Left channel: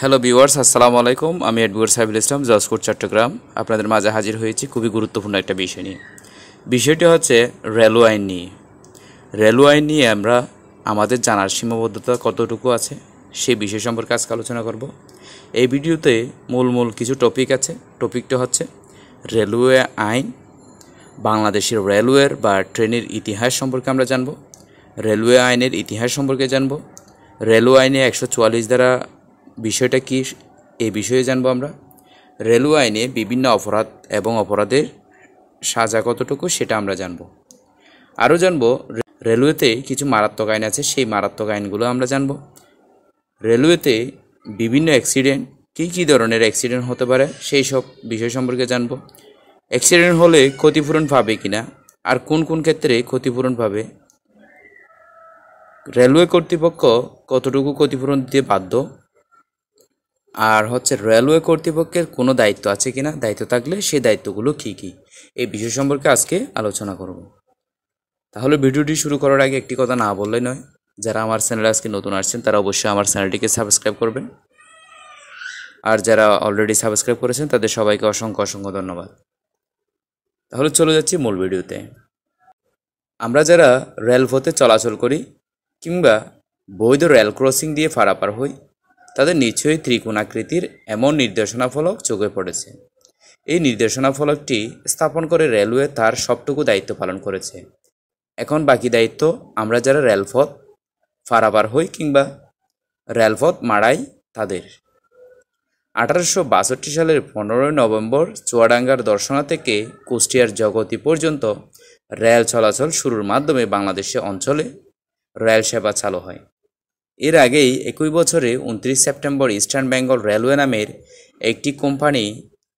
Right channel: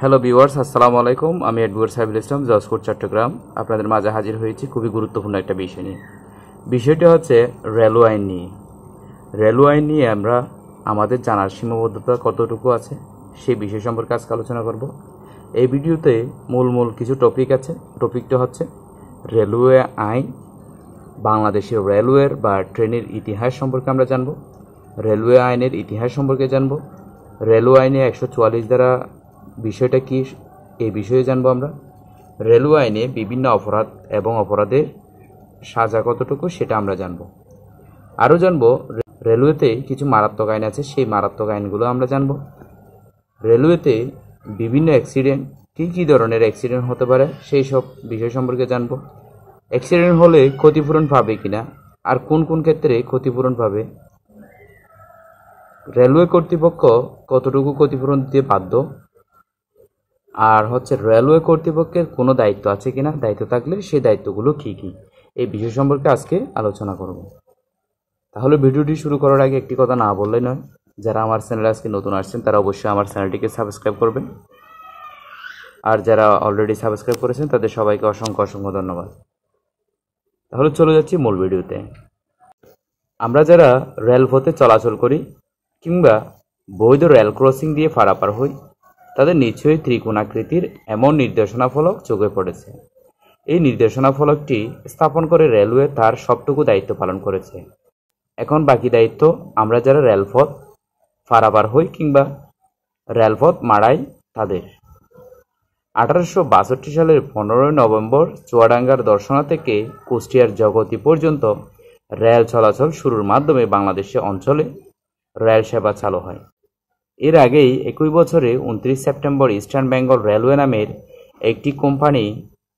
Hello viewers, আসসালামু আলাইকুম। আমি অ্যাডভোকেট সাইফুল ইসলাম, জজকোর্ট চট্টগ্রাম। আপনাদের মাঝে হাজির হয়েছি খুবই গুরুত্বপূর্ণ একটা বিষয় নিয়ে। বিষয়টি হচ্ছে রেলওয়ে আইন নিয়ে। রেলওয়ে আইন নিয়ে আমরা আমাদের জানার সীমাবদ্ধতা কতটুকু আছে সেই বিষয় সম্পর্কে আজকে আলোচনা করব। এই ভিডিওতে মূল কিছু টপিক আছে। টপিকটা হচ্ছে রেলওয়ে আইন, বাংলাদেশের রেলওয়ের বা ট্রেনের ইতিহাস সম্পর্কে আমরা জানব, রেলওয়ে আইনের ইতিহাস সম্পর্কে জানব, রেলওয়ে আইনে 144 ধারা বিষয়টা কী এই বিষয়ে জানবো আমরা। রেলওয়ে আইনে বিভিন্ন অপরাধ এবং অপরাধের সাজা কতটুকু সেটা আমরা জানবো। আরও জানবো রেলওয়েতে কিছু মারাত্মক আইন আছে, সেই মারাত্মক আইনগুলো আমরা জানবো। রেলওয়েতে বিভিন্ন অ্যাক্সিডেন্ট, কী ধরনের অ্যাক্সিডেন্ট হতে পারে সেই সব বিষয় সম্পর্কে জানবো। অ্যাক্সিডেন্ট হলে ক্ষতিপূরণ পাবে কিনা, আর কোন কোন ক্ষেত্রে ক্ষতিপূরণ পাবে, রেলওয়ে কর্তৃপক্ষ কতটুকু ক্ষতিপূরণ দিতে বাধ্য, আর হচ্ছে রেলওয়ে কর্তৃপক্ষের কোনো দায়িত্ব আছে কিনা, দায়িত্ব থাকলে সেই দায়িত্বগুলো কী কী, এই বিষয় সম্পর্কে আজকে আলোচনা করব। তাহলে ভিডিওটি শুরু করার আগে একটি কথা না বললে নয়, যারা আমার চ্যানেলে আজকে নতুন আসছেন তারা অবশ্যই আমার চ্যানেলটিকে সাবস্ক্রাইব করবেন, আর যারা অলরেডি সাবস্ক্রাইব করেছেন তাদের সবাইকে অসংখ্য ধন্যবাদ। তাহলে চলে যাচ্ছি মূল ভিডিওতে। আমরা যারা রেলপথে চলাচল করি কিংবা বৈধ রেল ক্রসিং দিয়ে পারাপার হই, তাদের নিশ্চয়ই ত্রিকোণাকৃতির এমন নির্দেশনা ফলক চোখে পড়েছে। এই নির্দেশনা ফলকটি স্থাপন করে রেলওয়ে তার সবটুকু দায়িত্ব পালন করেছে। এখন বাকি দায়িত্ব আমরা যারা রেলপথ পারাপার হই কিংবা রেলপথ মাড়াই তাদের। 1862 সালের 15 নভেম্বর চুয়াডাঙ্গার দর্শনা থেকে কুষ্টিয়ার জগতি পর্যন্ত রেল চলাচল শুরুর মাধ্যমে বাংলাদেশে অঞ্চলে রেল সেবা চালু হয়। এর আগেই একই বছরে 29 সেপ্টেম্বর ইস্টার্ন বেঙ্গল রেলওয়ে নামের একটি কোম্পানি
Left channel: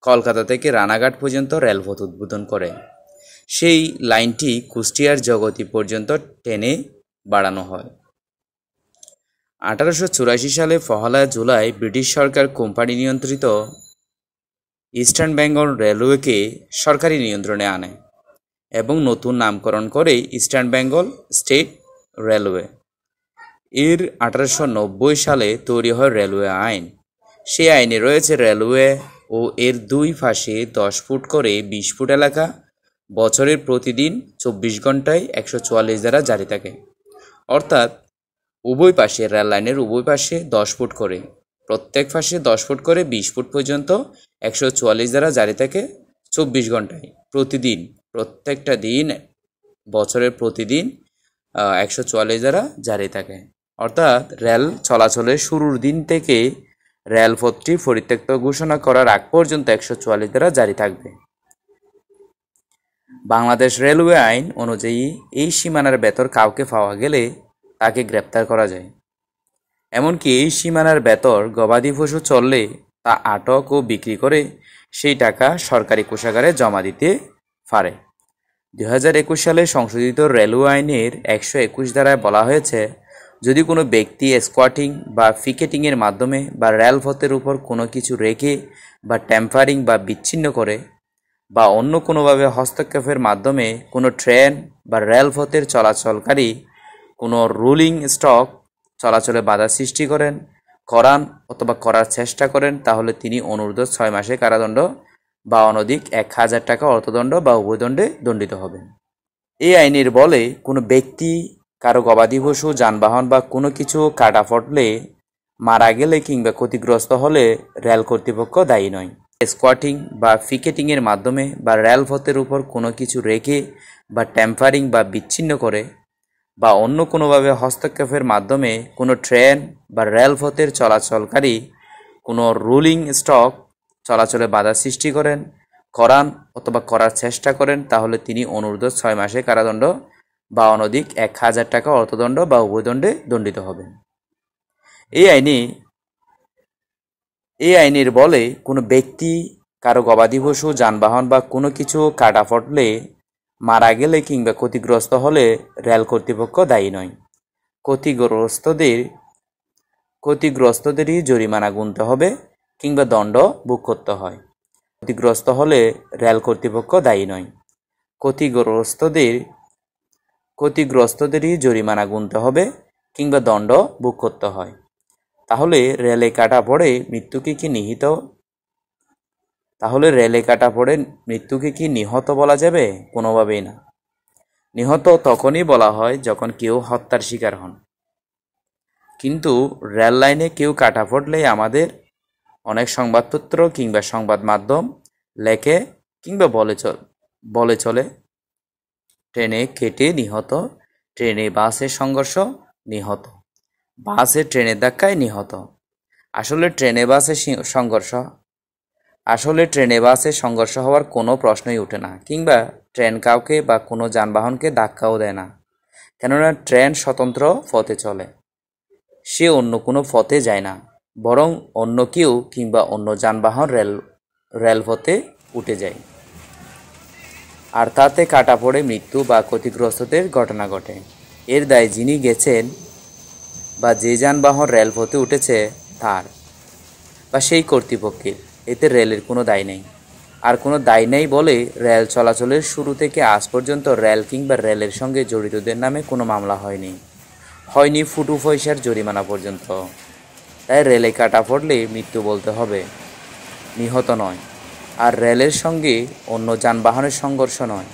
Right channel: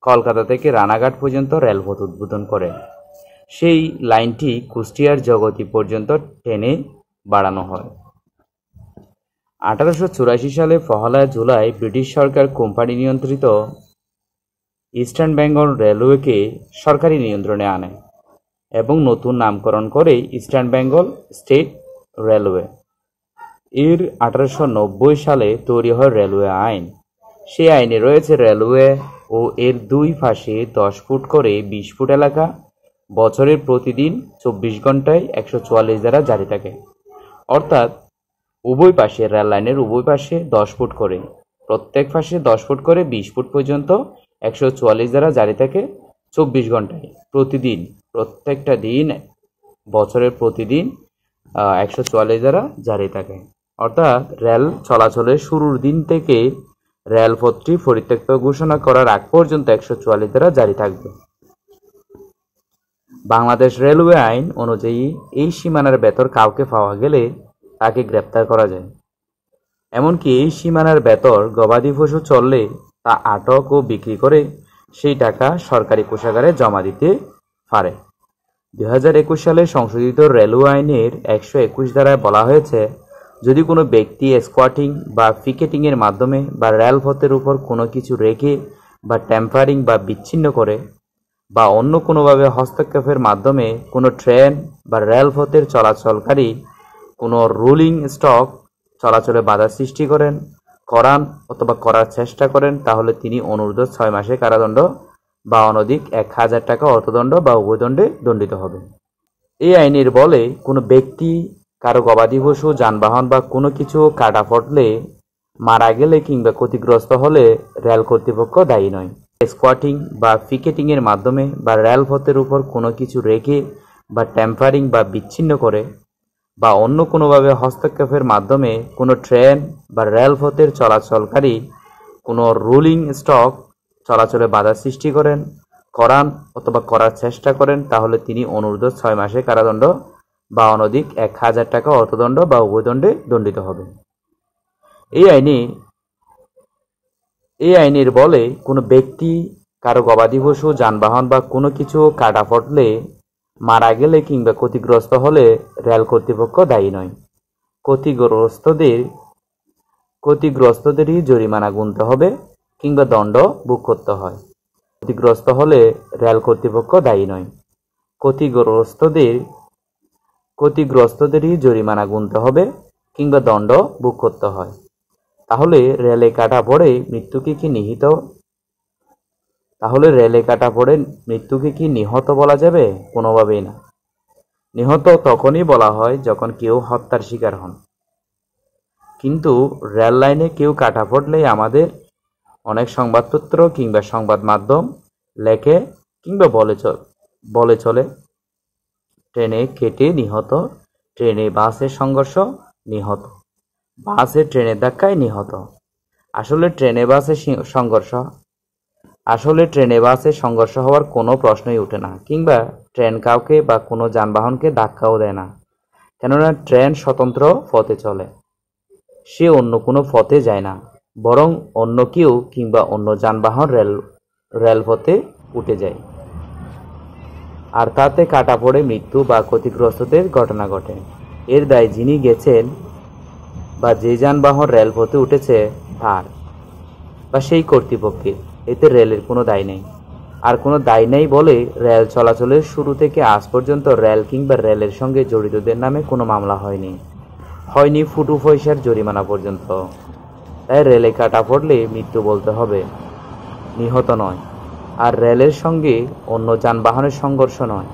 কলকাতা থেকে রানাঘাট পর্যন্ত রেলপথ উদ্বোধন করে। সেই লাইনটি কুষ্টিয়ার জগতি পর্যন্ত টেনে বাড়ানো হয়। 1884 সালে 1 জুলাই ব্রিটিশ সরকার কোম্পানি নিয়ন্ত্রিত ইস্টার্ন বেঙ্গল রেলওয়েকে সরকারি নিয়ন্ত্রণে আনে এবং নতুন নামকরণ করে ইস্টার্ন বেঙ্গল স্টেট রেলওয়ে। এর 1890 সালে তৈরি হয় রেলওয়ে আইন। সেই আইনে রয়েছে রেলওয়ে ও এর দুই পাশে 10 ফুট করে 20 ফুট এলাকা বছরের প্রতিদিন 24 ঘন্টায় 144 ধারা জারি থাকে। অর্থাৎ উভয় পাশে, রেল লাইনের উভয় পাশে 10 ফুট করে, প্রত্যেক পাশে 10 ফুট করে 20 ফুট পর্যন্ত 144 ধারা জারি থাকে 24 ঘন্টায় প্রতিদিন, প্রত্যেকটা দিন বছরের প্রতিদিন 144 ধারা জারি থাকে। অর্থাৎ রেল চলাচলের শুরুর দিন থেকে রেলপথটি পরিত্যক্ত ঘোষণা করার আগ পর্যন্ত 144 ধারা জারি থাকবে। বাংলাদেশ রেলওয়ে আইন অনুযায়ী এই সীমানার ভেতর কাউকে পাওয়া গেলে তাকে গ্রেপ্তার করা যায়। এমনকি এই সীমানার ভেতর গবাদি পশু চললে তা আটক ও বিক্রি করে সেই টাকা সরকারি কোষাগারে জমা দিতে পারে। 2021 সালে সংশোধিত রেলওয়ে আইনের 121 ধারায় বলা হয়েছে, যদি কোনো ব্যক্তি স্কোয়াটিং বা পিকেটিংয়ের মাধ্যমে বা রেলপথের উপর কোনো কিছু রেখে বা ট্যাম্পারিং বা বিচ্ছিন্ন করে বা অন্য কোনোভাবে হস্তক্ষেপের মাধ্যমে কোনো ট্রেন বা রেলপথের চলাচলকারী কোনো রোলিং স্টক চলাচলে বাধা সৃষ্টি করান অথবা করার চেষ্টা করেন, তাহলে তিনি অনূর্ধ্ব 6 মাসের কারাদণ্ড বা অনধিক 1000 টাকা অর্থদণ্ড বা উভয়দণ্ডে দণ্ডিত হবেন। এই আইনের বলে কোনো ব্যক্তি কারো গবাদি পশু, যানবাহন বা কোনো কিছু কাটা পড়লে, মারা গেলে কিংবা ক্ষতিগ্রস্ত হলে রেল কর্তৃপক্ষ দায়ী নয়। স্কোয়াটিং বা পিকেটিংয়ের মাধ্যমে বা রেলপথের উপর কোনো কিছু রেখে বা ট্যাম্পারিং বা বিচ্ছিন্ন করে বা অন্য কোনোভাবে হস্তক্ষেপের মাধ্যমে কোনো ট্রেন বা রেলপথের চলাচলকারী কোনো রোলিং স্টক চলাচলে বাধা সৃষ্টি করান অথবা করার চেষ্টা করেন, তাহলে তিনি অনূর্ধ্ব 6 মাসের কারাদণ্ড বা অনধিক 1000 টাকা অর্থদণ্ড বা উভয়দণ্ডে দণ্ডিত হবেন। এই আইনের বলে কোনো ব্যক্তি কারো গবাদি পশু, যানবাহন বা কোনো কিছু কাটা পড়লে, মারা গেলে কিংবা ক্ষতিগ্রস্ত হলে রেল কর্তৃপক্ষ দায়ী নয়। ক্ষতিগ্রস্তদেরই জরিমানা গুনতে হবে কিংবা দণ্ড ভোগ করতে হয়। ক্ষতিগ্রস্ত হলে রেল কর্তৃপক্ষ দায়ী নয়। ক্ষতিগ্রস্তদেরই জরিমানা গুনতে হবে কিংবা দণ্ড ভোগ করতে হয়। তাহলে রেলে কাটা পড়ে মৃত্যুকে কি নিহিত তাহলে রেলে কাটা পড়ে মৃত্যুকে কি নিহত বলা যাবে? কোনোভাবেই না। নিহত তখনই বলা হয় যখন কেউ হত্যার শিকার হন। কিন্তু রেল লাইনে কেউ কাটা পড়লেই আমাদের অনেক সংবাদপত্র কিংবা সংবাদ মাধ্যম লেখে কিংবা বলে চলে ট্রেনে কেটে নিহত, ট্রেনে বাসে সংঘর্ষ নিহত, বাসে ট্রেনের ধাক্কায় নিহত। আসলে ট্রেনে বাসে সংঘর্ষ হওয়ার কোনো প্রশ্নই ওঠে না, কিংবা ট্রেন কাউকে বা কোনো যানবাহনকে ধাক্কাও দেয় না। কেননা ট্রেন স্বতন্ত্র পথে চলে, সে অন্য কোনো পথে যায় না, বরং অন্য কেউ কিংবা অন্য যানবাহন রেলপথে উঠে যায়, আর তাতে কাটা পড়ে মৃত্যু বা ক্ষতিগ্রস্তদের ঘটনা ঘটে। এর দায় যিনি গেছেন বা যে যানবাহন রেলপথে উঠেছে তার বা সেই কর্তৃপক্ষের, এতে রেলের কোনো দায় নেই। আর কোনো দায় নেই বলে রেল চলাচলের শুরু থেকে আজ পর্যন্ত রেল কিংবা রেলের সঙ্গে জড়িতদের নামে কোনো মামলা হয়নি ফুটু পয়সার জরিমানা পর্যন্ত। তাই রেলে কাটা পড়লে মৃত্যু বলতে হবে, নিহত নয়। আর রেলের সঙ্গে অন্য যানবাহনের সংঘর্ষ নয়,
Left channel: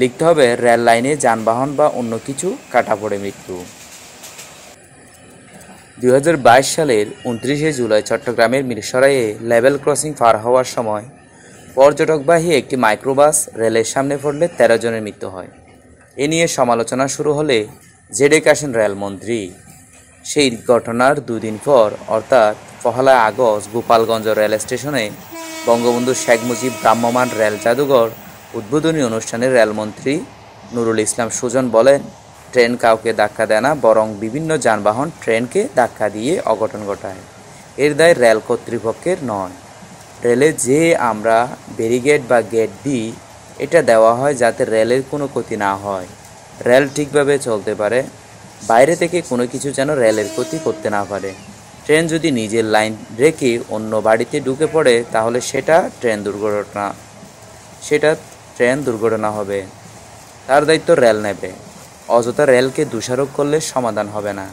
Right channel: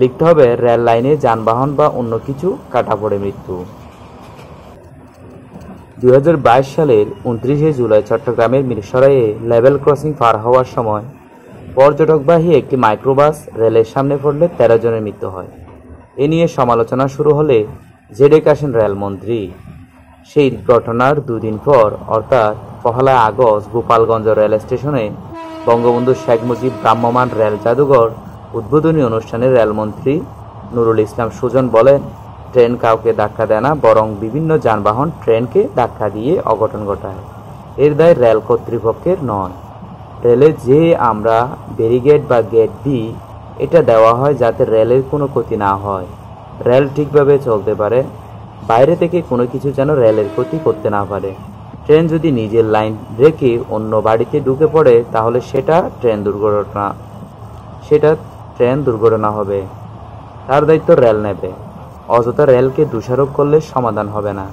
লিখতে হবে রেল লাইনে যানবাহন বা অন্য কিছু কাটা পড়ে মৃত্যু। 2022 সালের 29শে জুলাই চট্টগ্রামের মিরসরাইয়ে লেভেল ক্রসিং পার হওয়ার সময় পর্যটকবাহী একটি মাইক্রোবাস রেলের সামনে পড়লে 13 জনের মৃত্যু হয়। এ নিয়ে সমালোচনা শুরু হলে জেডে আসেন রেলমন্ত্রী। সেই ঘটনার দুদিন পর অর্থাৎ 1 আগস্ট গোপালগঞ্জ রেল স্টেশনে বঙ্গবন্ধু শেখ মুজিব ভ্রাম্যমাণ রেল জাদুঘর উদ্বোধনী অনুষ্ঠানে রেলমন্ত্রী নুরুল ইসলাম সুজন বলেন, ট্রেন কাউকে ধাক্কা দেয় না, বরং বিভিন্ন যানবাহন ট্রেনকে ধাক্কা দিয়ে অঘটন ঘটায়। এর দায় রেল কর্তৃপক্ষের নয়। রেলে যে আমরা ব্যারিকেড বা গেট দিই, এটা দেওয়া হয় যাতে রেলের কোনো ক্ষতি না হয়, রেল ঠিকভাবে চলতে পারে, বাইরে থেকে কোনো কিছু যেন রেলের ক্ষতি করতে না পারে। ট্রেন যদি নিজের লাইন রেখে অন্য বাড়িতে ঢুকে পড়ে তাহলে সেটা ট্রেন দুর্ঘটনা হবে, তার দায়িত্ব রেল নেবে। অযথা রেলকে দোষারোপ করলে সমাধান হবে না।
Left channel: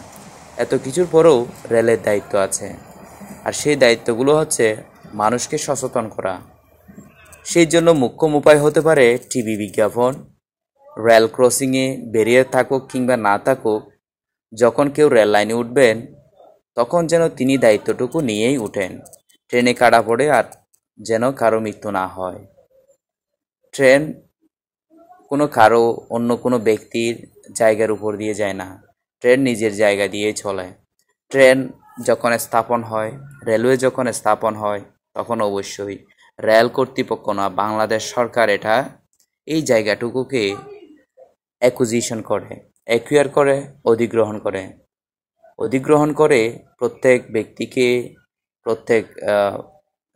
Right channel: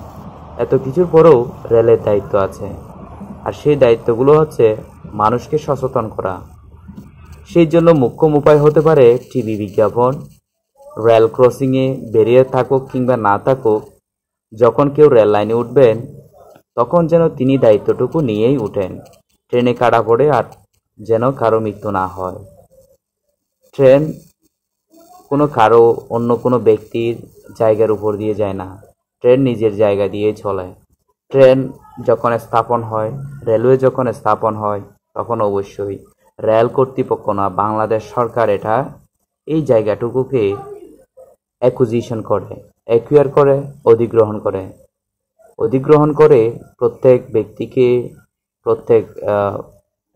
এত কিছুর পরেও রেলের দায়িত্ব আছে, আর সেই দায়িত্বগুলো হচ্ছে মানুষকে সচেতন করা। সেই জন্য মুখ্য উপায় হতে পারে টিভি বিজ্ঞাপন, রেল ক্রসিংয়ে ব্যারিয়ার থাকুক কিংবা না থাকুক, যখন কেউ রেল লাইনে উঠবেন তখন যেন তিনি দায়িত্বটুকু নিয়েই উঠেন। ট্রেনে কাটা পড়ে আর যেন কারো মৃত্যু না হয়। ট্রেন অন্য কোনো ব্যক্তির জায়গার উপর দিয়ে যায় না, ট্রেন নিজের জায়গা দিয়েই চলে। ট্রেন যখন স্থাপন হয়, রেলওয়ে যখন স্থাপন হয়, তখন অবশ্যই রেল কর্তৃপক্ষ না, বাংলাদেশ সরকার এই জায়গাটুকুকে অ্যাকুয়ার করে অধিগ্রহণ করে প্রত্যেক ব্যক্তিকে,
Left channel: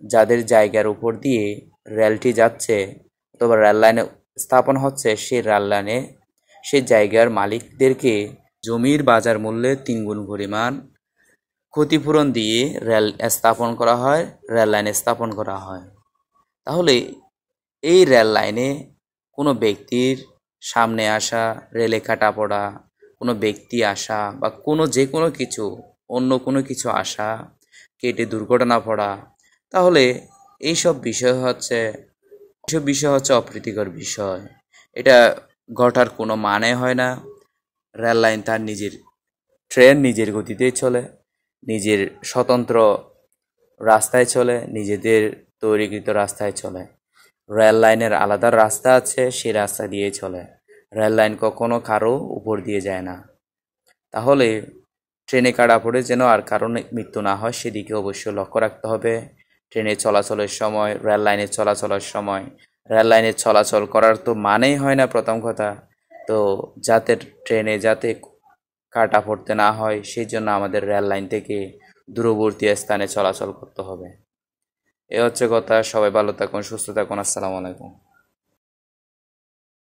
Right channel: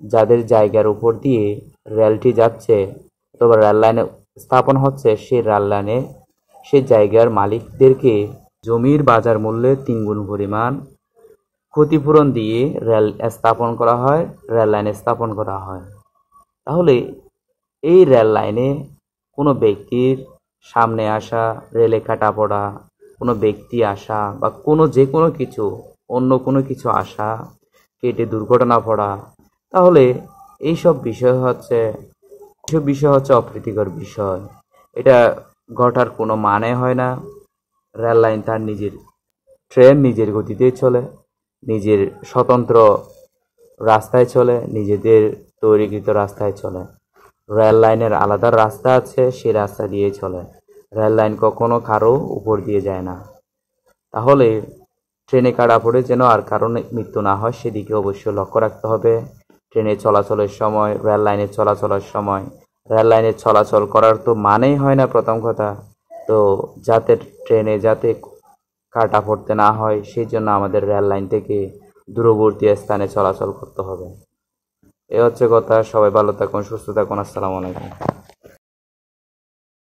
যাদের জায়গার উপর দিয়ে রেলটি যাচ্ছে অথবা রেল লাইনে স্থাপন হচ্ছে, সেই রেল লাইনে সেই জায়গার মালিকদেরকে জমির বাজার মূল্যে 3 গুণ পরিমাণ ক্ষতিপূরণ দিয়ে রেল লাইনে স্থাপন করা হয়। তাহলে এই রেল লাইনে কোনো ব্যক্তির সামনে আসা, রেলে কাটা পড়া, কোনো ব্যক্তি আসা বা যে কোনো কিছু, অন্য কোনো কিছু আসা, কেটে দুর্ঘটনা পড়া, তাহলে এইসব বিষয় হচ্ছে অপ্রীতিকর বিষয়। এটা ঘটার কোনো মানে হয় না। রেল লাইন ট্রেন নিজের গতিতেই চলে, নিজের স্বতন্ত্র রাস্তায় চলে, নিজেদের তৈরিকৃত রাস্তায় চলে। রেল লাইনের আলাদা রাস্তা আছে, সেই রাস্তা দিয়েই চলে। রেল লাইন কখনো কারো উপর দিয়ে যায় না। তাহলে ট্রেনে কাটা পড়ে যেন আর কারো মৃত্যু না হয়, সেদিকে অবশ্যই লক্ষ্য রাখতে হবে। ট্রেনে চলাচলের সময়, রেল লাইনে চলাচল করার তো মানেই হয় না প্রথম কথা, তো ট্রেনে যাতে কাটা পড়তে না হয় সেই জন্য আমাদের রেল লাইন থেকে দূরবর্তী স্থানে চলাচল করতে হবে। এ হচ্ছে কথা। সবাই ভালো থাকুন, সুস্থ থাকুন। আসসালামু আলাইকুম।